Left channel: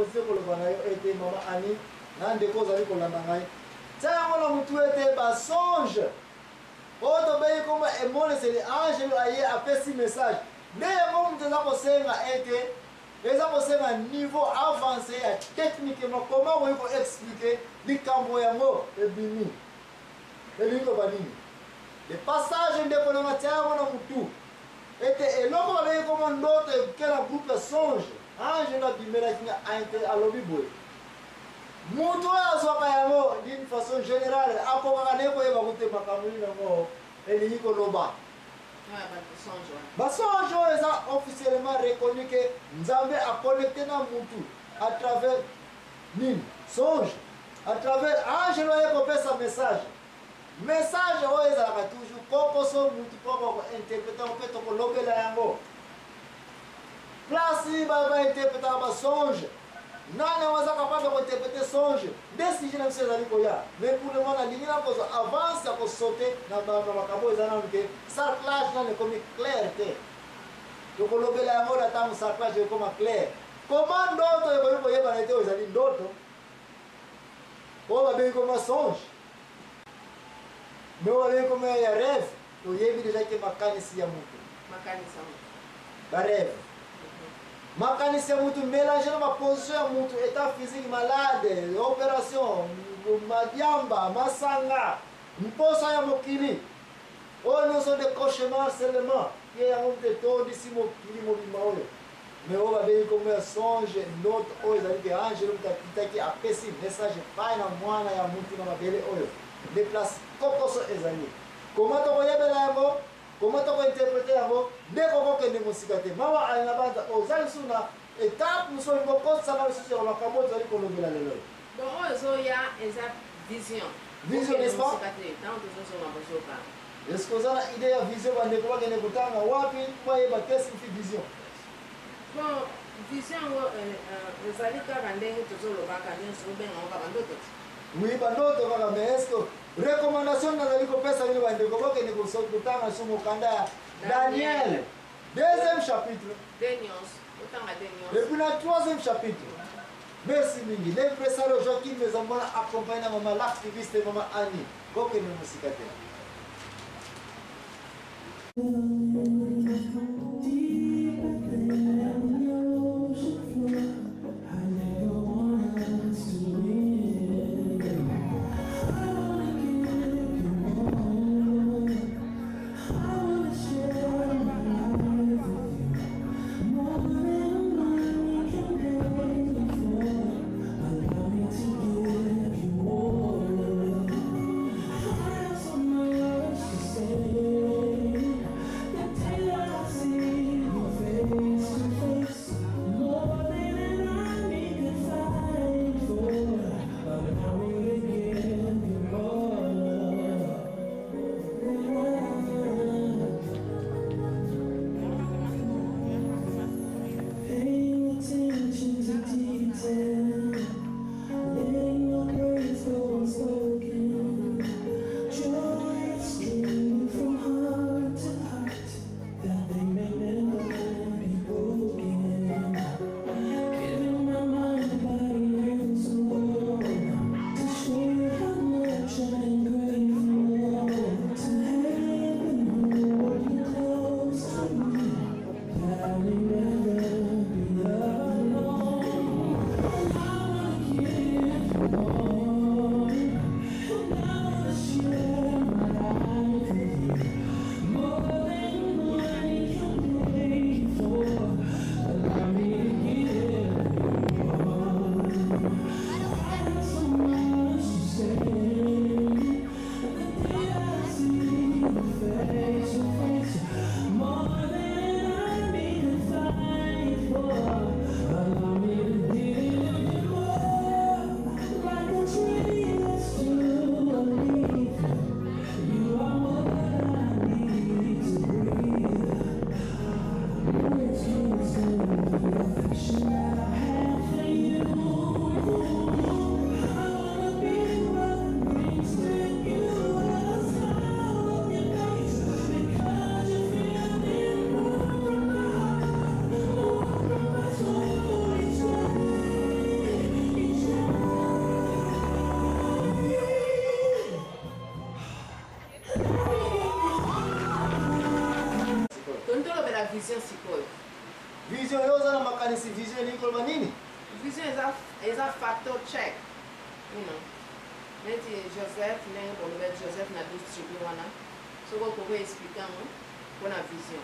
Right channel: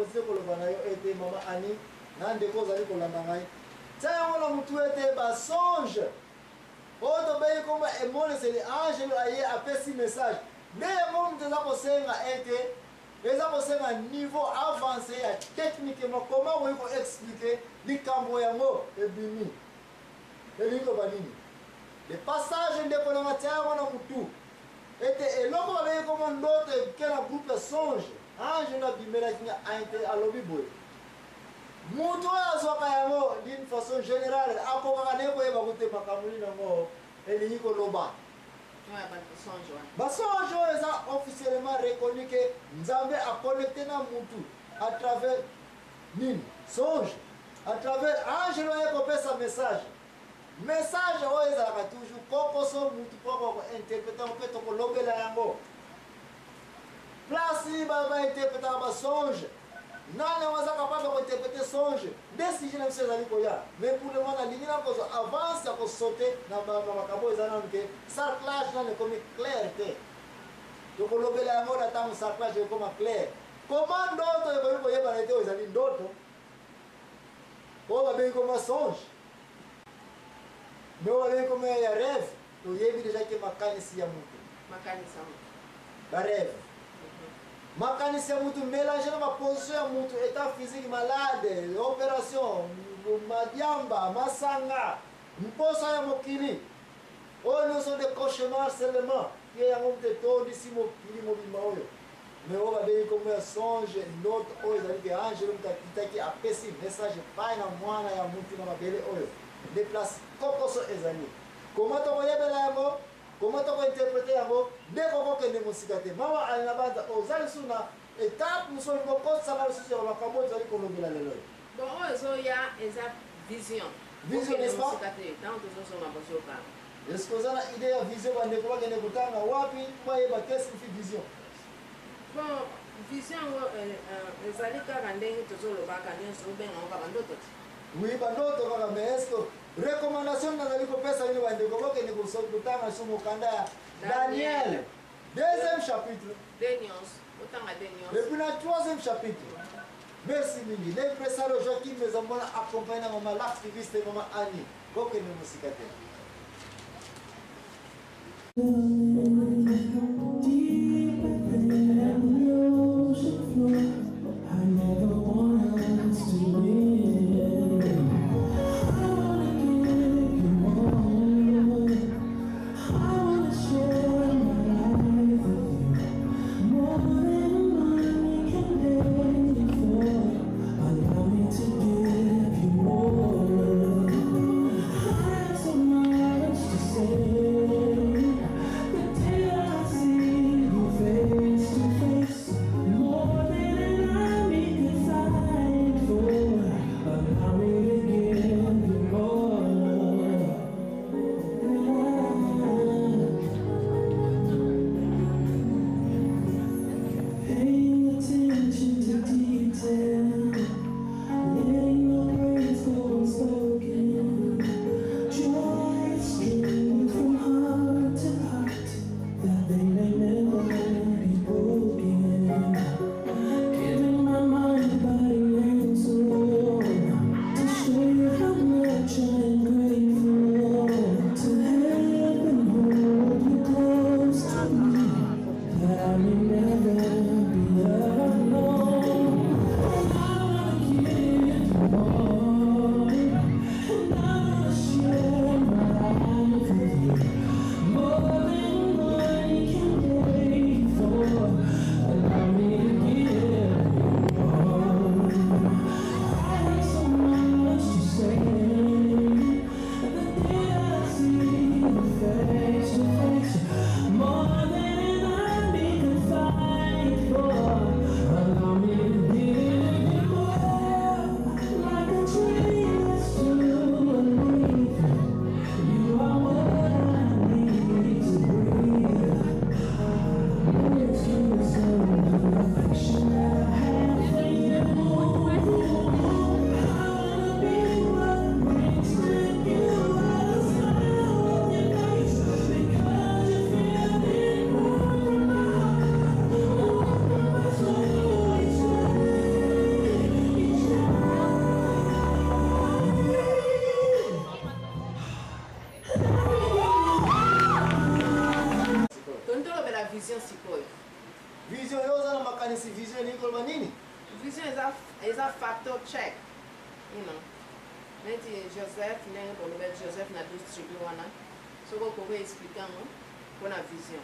continue koloba na yo ete mama Annie na ndeko zali kolanda ngai tia yango na mutu ete basonge oyo tobengi kombo emoneseli angelo aye apesi message nde yango mutu eza kosenga ete eza kosenga niveau avancé ya techniquement comment okoki koexplike likambo yango ebimi elingi loba nini le passage ndeko nanga tia yango na mutu ete eloko babengi kombo ndoto eke na groupe ya songe angelo abimelaki nga alobi boye mutu oyo azwaka yango d'une façon générale akokaka ne koyeba kute makambo nini yango elingi koloba basonge oyo eza officiellement reconnu ke nzambe aconnecte na mutu à travers nini songe à travers angelo aye kopesa message oyo ezalaka toujours kokoso mutu mpo bakointerprete yango mpe tokolobela yango place bainterpretaka basonge nani aza capable de interpréter songe nde sije na biso ezali koya mais pour le moment nalingi nakozwa avance ya kosaute na makambo eza nanu ke sarclage nano ekomi clair te tokolobela yango na ntango sarclage ekoma clair koma ndoto ekomi koyebana te oyo ezali ndoto oyo babengi koma songe me oyo babengi koma ya rêve toyebi deja ke makanisi ya mutu barêve makanisi ya mutu mélange na baposition ya mutu état physique malade opération madiamba masanga mposa ya mokili oyo nyonso de cauchemar seulement ye yango mutu etondisi mokili mobimba oyo me oyo babengi kombo ya songe ndoto oyo ezali ke angelo mutu akitaki apesi message epai na mwana ya mutu na mabele oyo nde place kokoso ezali koma tokoyebela yango comment on va interpréter yango nde kokokende mosika te mama ali na banda ozali su na étape mosusu bokosala lisusu ya makambo ozali kolobela lelo bon oyo ezoya eza vision n'est-ce pas est-ce que oza na idée ya vision bandeko bakende kotanga wapi bayeba qu'est-ce qui fait vision bon vision yango ezali kaka ndenge tozolobaka nyonso obengango kaka ndoto te oui bandoto kaka mais est-ce que recommandation nazali kopesa bino bandeko bakende kotanga su mokanda ya Daniel deuxième chapitre et puis la troisième chapitre merci mingi l'impresaro Joachim mezambona accompagné na mama l'activiste mama Annie kokende mosika te makanisi vision elingi koloba nini? Vision is a factor check. You know. Neti Joseph ndenge boloba Joseph na 12 tribus wana. Soko ko expliquer ngo kona vision.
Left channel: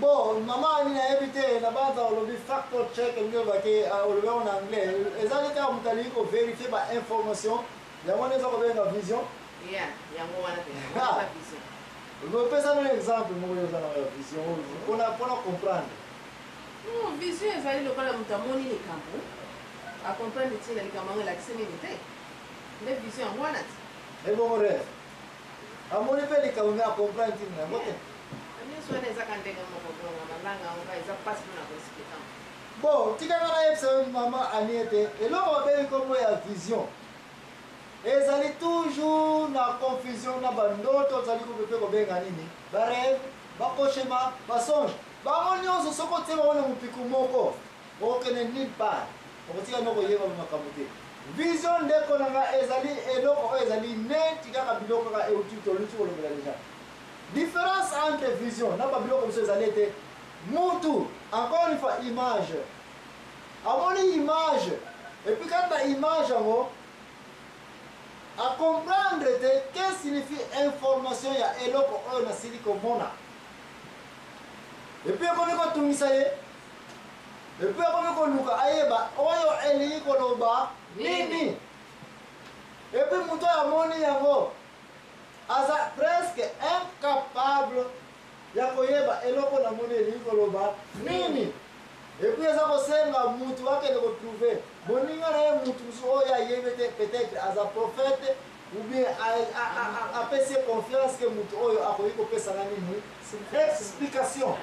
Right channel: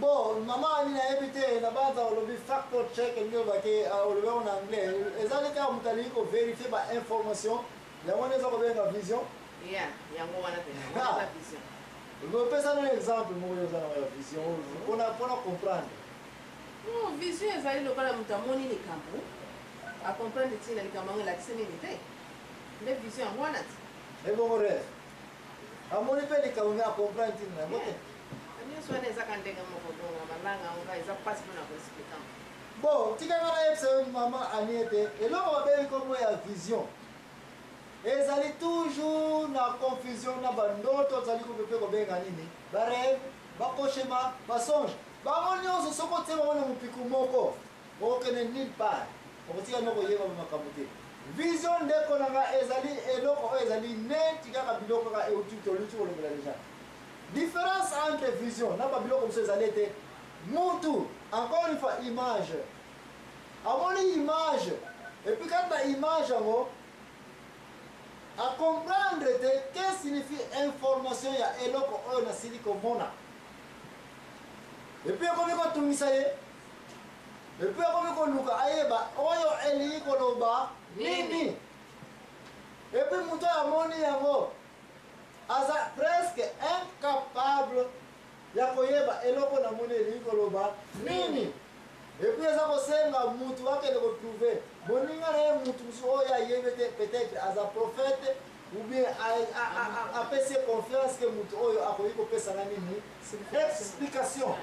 Bon, mama ni na ebite na baza olobi factor check ndio bake olobi en anglais. Ezali ka mutali ko vérifier ba information. Ya wana za ko benga vision. Yeah, yango wana te. Wana vision. Je peux ça un exemple mo yo za na vision. Pona comprendre. No, vision ezali lokola mutamoni ni kampo. A comprendre tina ni kamanga la kiseni ni te. Le vision yango wana te. Et bon rêve. Amoni pe ni kamanga a comprendre tina. Mote. Bon, tu as maman Aniete, et là on va comme la vision. Et ça est toujours la confusion, la bande, ça dit qu'on peut faire nini. Barève, bakoshema, basonge. Bamonyo so côté on a mupiku moko. Aucun ni pas. On tient nos yeux dans makamuté. Vision de konanga ezali eloko ezali net tika biloko ka eututo lutu ko le déjà. Différence entre vision, n'a pas comme ça, été Moutou, encore une fois, image. À mon image, et puis quand la image, à comprendre qu'est-ce que signifie information, il y a eloko on a siliko mona. Et puis quand on tout ça et puis quand on luka ayeba, oyo eli koloba nini. Et puis moutou a moni yango. Aza presque incapable ya koyeba eloko na moni elikoloba nini. Et puis aza kosenga mutu wake de retrouver boninga na mutu oyo ayebete peut-être aza prophète ou bien a pese confiance que mutu oyo akoyi kopesa na nini explication.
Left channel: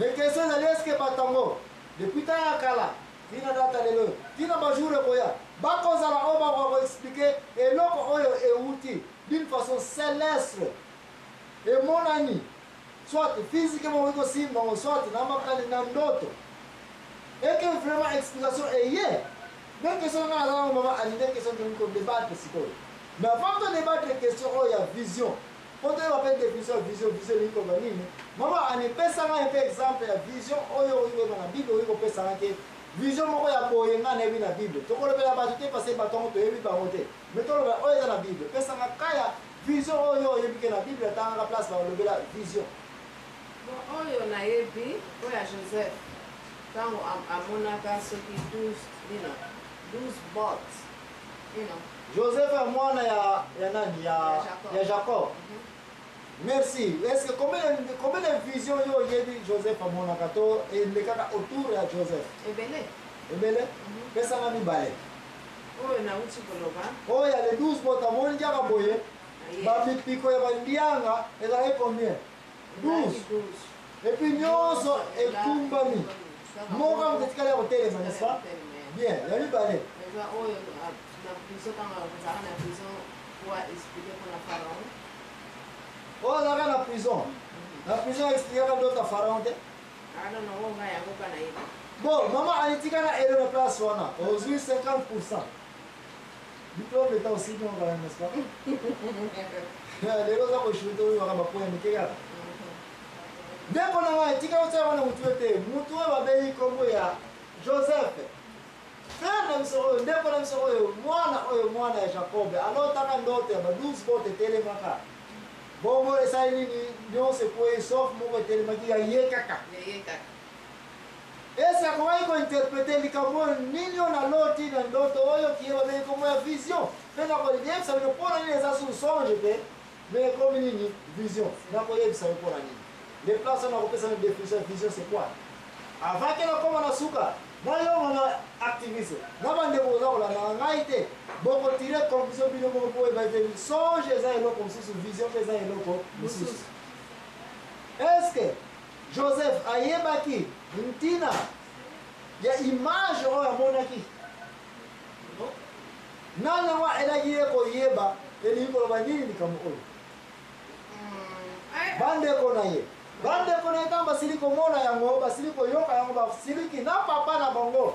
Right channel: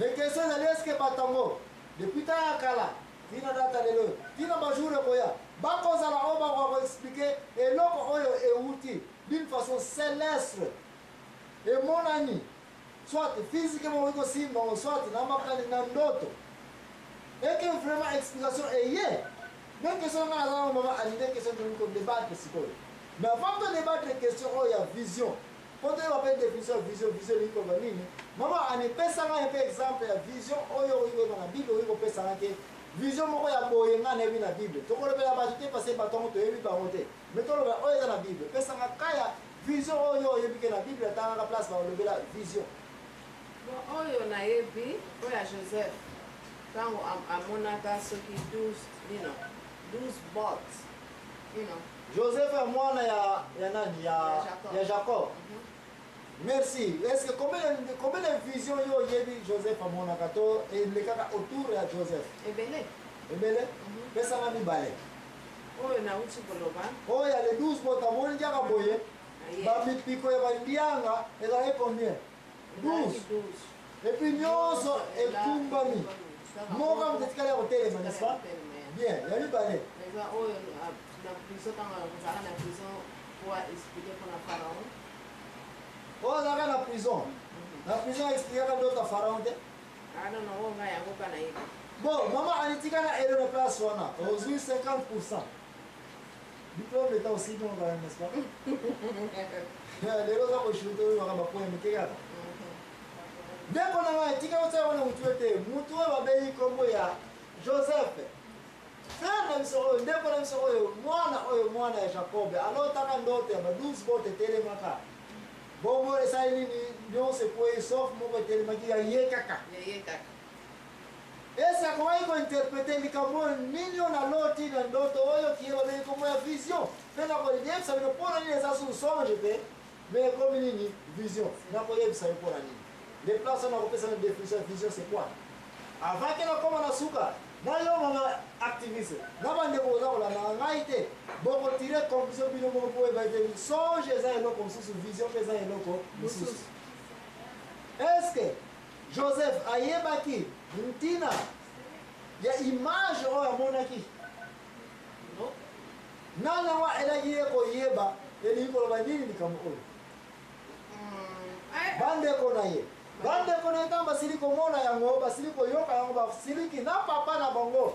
Mais question est-ce que batango depuis ta kala tina data lelo tina bajure koya bakozala oba ko expliquer eloko oyo euti d'une façon céleste et mon ami soit physiquement soit dans ndoto et que vraiment explication est hier donc question na la maman anide question de comme débattre psychologue mais avant de débattre question il y a vision quand on appelle vision ni comme nini maman ane pesa un peu exemple ya vision oyo na Bible oyo pesa ke vision moko ya boye nga nebi na Bible to ko lebela ba te passer baton to yebi ba monter mais to lebela oyo na Bible pesa nga kaya vision oyo yebi ke na Bible ta nga place ba lebela vision bon oyo na yebi oya Joseph tango amonaka soki 12 bots you know Joseph est mwana ya nani ya Jacob. Merci. Est-ce que combien de visions yo yebi Joseph amonaka to et le kaka autour ya Joseph? Ebele? Pesa mami bale. Oyo na uti koloba. Oh ya les 12 bots amoni jaka boye. Ba mipiko ya bandianga ezali combien? 12. Et puis nyonso ekumbami. Moka mtetikala ya hotel n'est-ce pas? Bien, ya mi bale. Oyo na prison quand on a na prison pour expliquer pour la pharaon. Oh, là la prison. La prison explique à d'autres pharaons. I don't know why I go kana hivi. Bon, maman anitika na elle na place wana. Aujourd'hui 50%. Diplôme est aussi bon quand même, n'est-ce pas? Les autres ko chuto yo kama point mikeka. Ndeko na wa tika utsa wana mutuete. Mutu wa bei kombo ya Joseph. Frère na msoro ndeko na msoro mwana ya Jacob. Alors taka ndoto ya 12 bote tele maka. Bongo esa nini nyonse kwa sauf moko tele maki ya yekaka. Esa kwa iko interpréter likambo nini na loti na ndoto oyo kiwa bei kombo ya vision. Pena kwa liye ça ne pona ni esa sous songe pe. Mais comme nini vision. Na kwa yeb ça pona nini. Les places on a repéré une définition vision c'est quoi? Avant que la comme na suka na yo mama activiste na bande ko za kola na ngaite boko tirer conclusion bino boko po ba te songe za eloko mususu vision pesa eloko mususu. Est-ce que Joseph ayebaki ntina ya image o ya monaki no nana wa elagi ko yeba eli ko ba nini kamo oyo bande ko na ye bande koneta basiliko mona yango basiliko yoka yango basiliki na papa na bango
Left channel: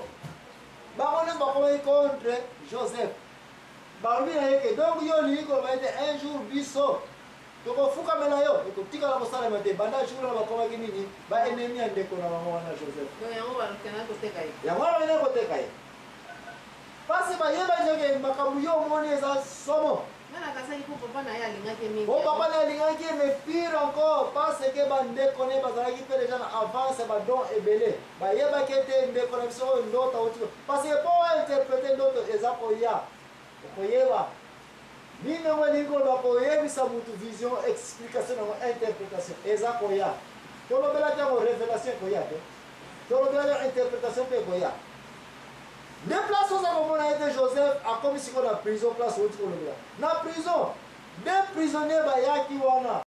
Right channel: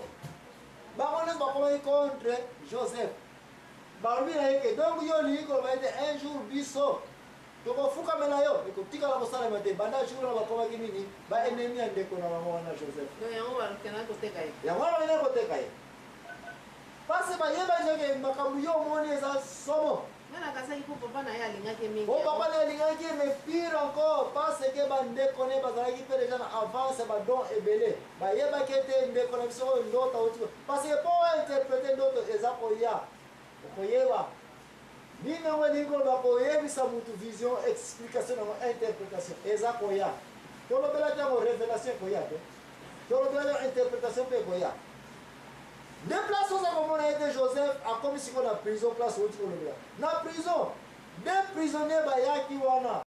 bangone bakomi contre Joseph balobi na yeke donc yo liko baite un jour biso tokofuka mela yo ekotikala kosalema te banda jour na bakomaki nini ba ennemi ya ndeko na bango wana Joseph donc yango bakena koteka ye. yango wana bakende koteka ye pasi bayeba nzeke makambo yo omoni eza somo Nana kasaki po papa na ye alingaki mingi. po papa na alingaki mais pire encore parce que bandeko ne bazalaki mpe deja na avance badon ebele bayebaki ete ndeko na biso oyo ndoto auti parce que mpo interprete ndoto eza koya okoyeba nini yango elingi koloba koyebisa mutu vision explication yango interprétation eza koya tolobelaki yango révélation ekoya te tolobelaki yango interprétation mpe ekoya nde place oza komona ete Joseph akomi sikoyo na prison place outi kolobela na prison nde prisonnier bayaki wana